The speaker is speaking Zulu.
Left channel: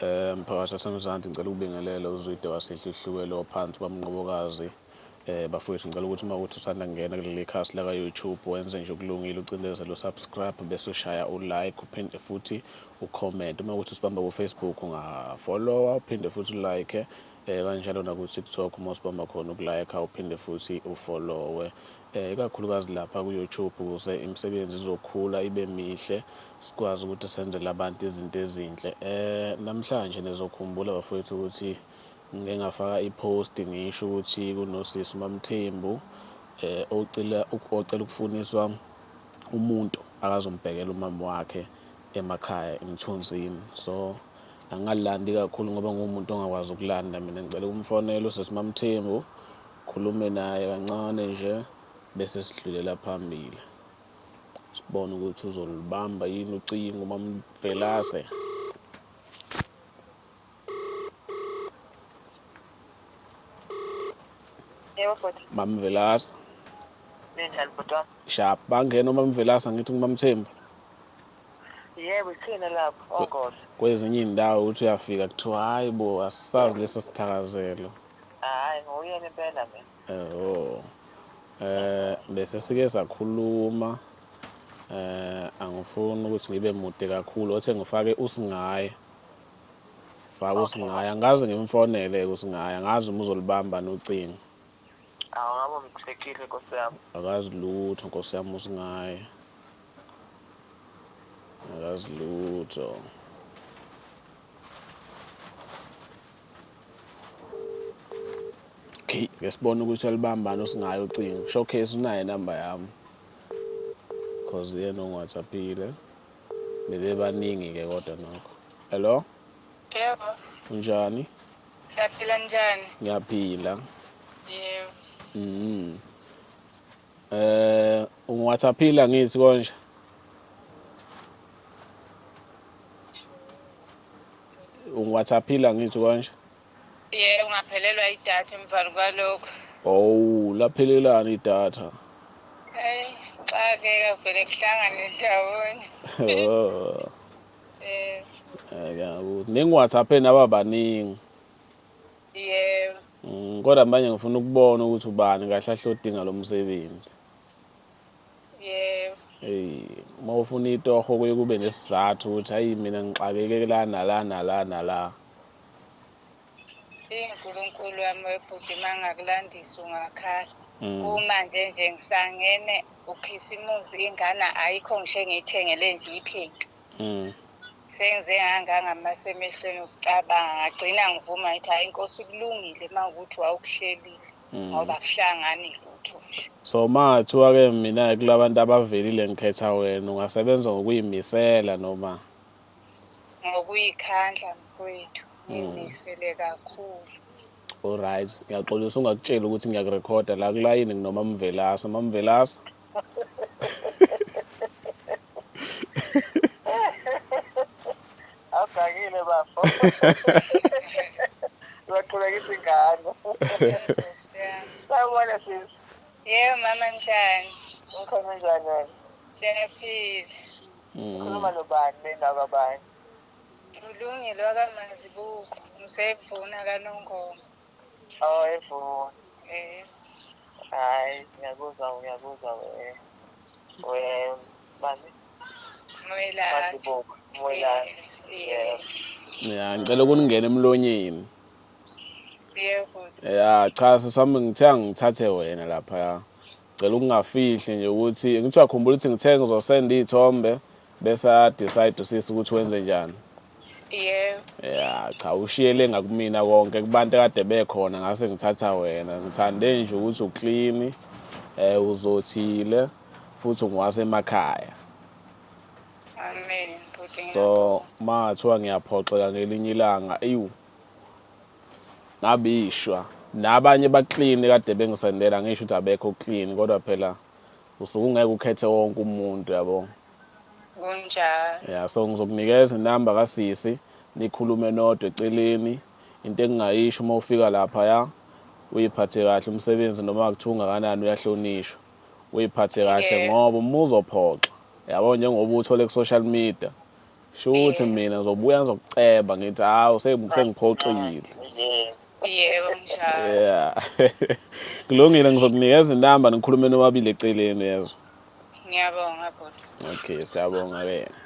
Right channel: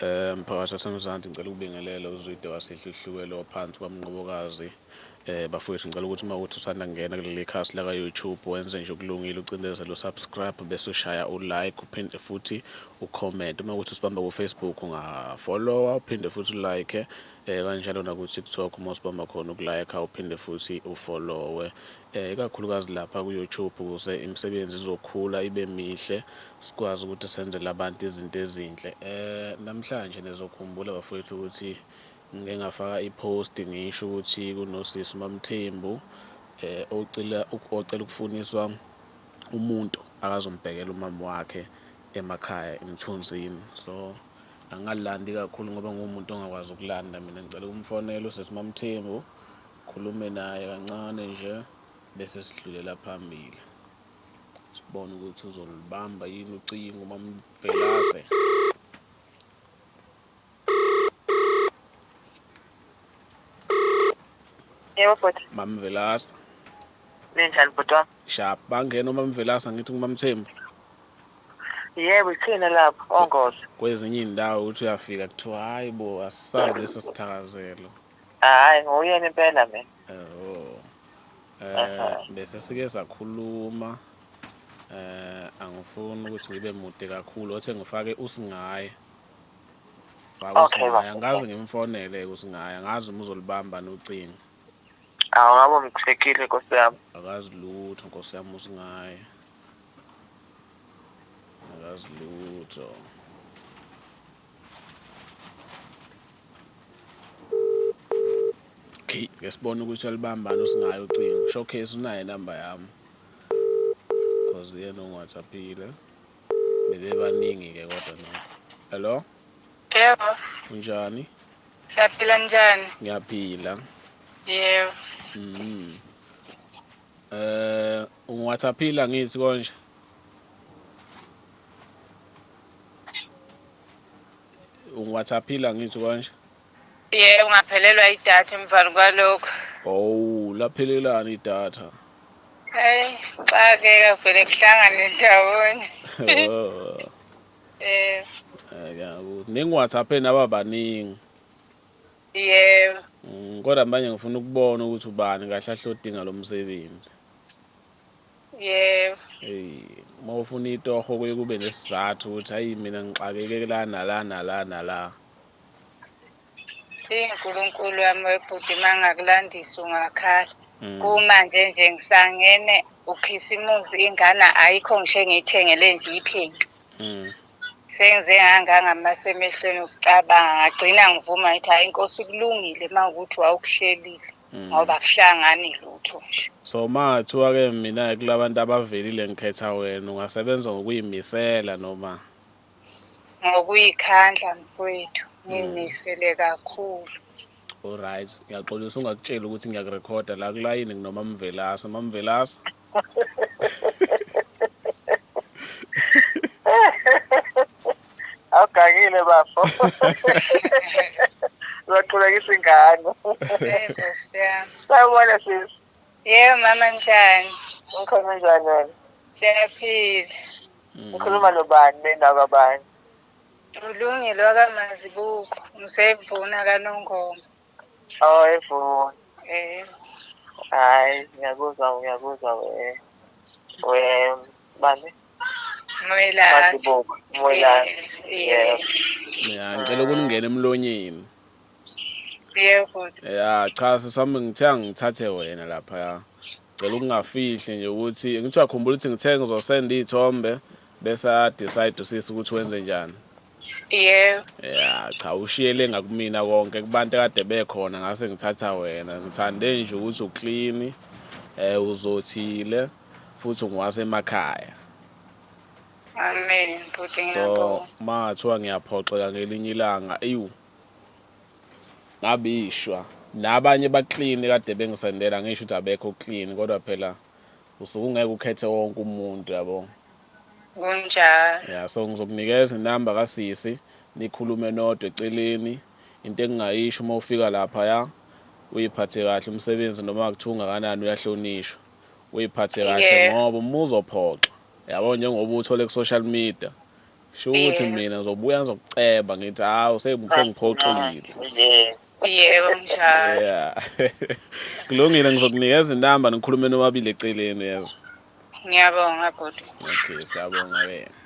Mphakathi waseMzansi ngicela ukubingelela uZwide wasehluhlukelo phansi kwamnqobokazi. Bafowethu ngicela ukuthi uma kuthi usanda kungena kuleli khasi la ka-YouTube wenze nje okulungile ucindezele subscribe bese ushaya u-like uphinde futhi ucomment. Uma kuthi usibamba ku-Facebook ungafollowa uphinde futhi ulike kanjalo naku-TikTok uma usibamba khona ukulike uphinde futhi ufollowe. Ikakhulukazi lapha ku-YouTube ukuze imisebenzi izokhula ibe mihle sikwazi ukuthi senzele abantu izinto ezinhle. Namhlanje nizokhumbula bafowethu ukuthi ngike ngafaka i-post ngisho ukuthi kunosisi uMamthembu ocela ukufuniswa umuntu akazombhekela umama wakhe emakhaya eMthunzini. So angalandi kakhulu ngoba ngumuntu ongakwazi ukulanda. Mina ngicela ukumfonela usisi Mamthembu khulume naye kancane nje bese sidlulela phambili sibone ukuthi uzolibamba yini ucingo uMamvelase. Yebo futhi. Mamvelase. Ninjani bhuti wami? Sharp bangena uMamvelase ngithi nguMamthembu. Yebo ithina lapho ongozo. Kwezinye indawo uthi uyafika kuthiwa hayi bo asisazi leso sithakazelo. Hayi nguyena impela mina. Bese sike sakhuluma angifuni ukuthi ngibe mude kakhulu othe ngifake usingaye. Faka usingaye angazi ngimfonele usingaye angazi uma uzolibamba nocingo. Awungaba mthekile Nkosi yami. Akazi lutho Nkosi yami usingaye. Akazi lutho. Okay, ngesibona ukuthi alibambani usingaye ucingo. Showcase unayo inamba yami. Cause yena ungaThapile. Bebebaningi ke kodwa nokho. Hello? Yebo. Unjani? Siyaphila njani? Ngiyaphila. Yebo. UngaThapila ngithi konje? UngaThapila ngithi konje? Yebo ngaphelelwa idatha emvalo kwalokho. Oh, laphelelana idatha. Xa-ke vele kuhlangane ndawonye. Oh. Ngiyabona. Ningi-WhatsApp naba baningi. Yebo. Kodwa manje ngifuna ukubona ukuthi ubani kahle ahlodinga lo msebenzi. Yebo. Uma ufuna itoho kuye kube nesizathu ukuthi hayi mina ngixakeke la nala nala nala. uNkulunkulu wami webhuti mangakulandisa ungakhala. Kumanje nje ngisangene ukhisimusi ingane ayikho ngisho ngiyithengele nje iphenki. Sengize ngangamaso emehlweni ukucabanga ngagcina ngivuma ngithi hayi inkosi kulungile mawukuthi wawukuhlelile ngoba kuhlangani lutho nje. So mathiwa ke mina kulabantu abavelile ngikhetha wena ungasebenza ngokuyimisela noma ngokuyikhandla mfowethu ngimisele kakhulu. Alright, ngiyaxolisa ungakutshela ukuthi ngiyakurekhoda la kulayini nginoma Mamvelase. Mamvelase. Awugangile bafo. Uyaqhubekisa ingane. Yebo siyami. Sawubona sisi. Yebo mama njani? Ukhona njani wena? Siyaphila. Ukhuluma nobani bendawo kabani? Ulungile wakamazibuko. Ngisevuna kaNongoma. Oh evuna. Hayi ngiyakuzwa bani? Moyela. Moyela. Ya ngicela ukuningena emlonyeni. Yebo. Cha sisami ngithe ngithathe wena lapha ya. Ngicela ukungafihli nje ukuthi ngithi uyakhumbula ukuthi ngithe ngizosenda izithombe bese decide usisi ukuthi wenze njani. Yebo. Cha ushiyele ngakumina konke kubantu kade bekhona ngase ngithatha wena. Ngithande nje ukuthi uclean, uzothile futhi ungwase emakhaya. Amen bhuti So mathiwa ngiyaphoxeka ngelinye ilanga ngabishwa nabanye baclean kade bengisendela ngisho ukuthi abekho clean kodwa phela usuke ungeke ukhethe wonke umuntu yabo. Kunjalo. So ngizokunikeza inamba kasisi nikhulume nodwa eceleni into engingayisho uma ufika lapha ya uyiphathe kahle umsebenzi noma kuthiwa ungakanani uyahlonishwa. Uyiphathe kahle ngoba uma uzophoxa yabo njengoba uthole ku social media Sho ukuthi mina ngizobuya ngizokuceba ngithi hawu sengiphoxile. Yebo njalo. Yeah. Kulungile ngizokunikeza inamba nikhulume nobabili eceleni yazo. Ngiyabonga bhuti. Okay, siyabonga wena.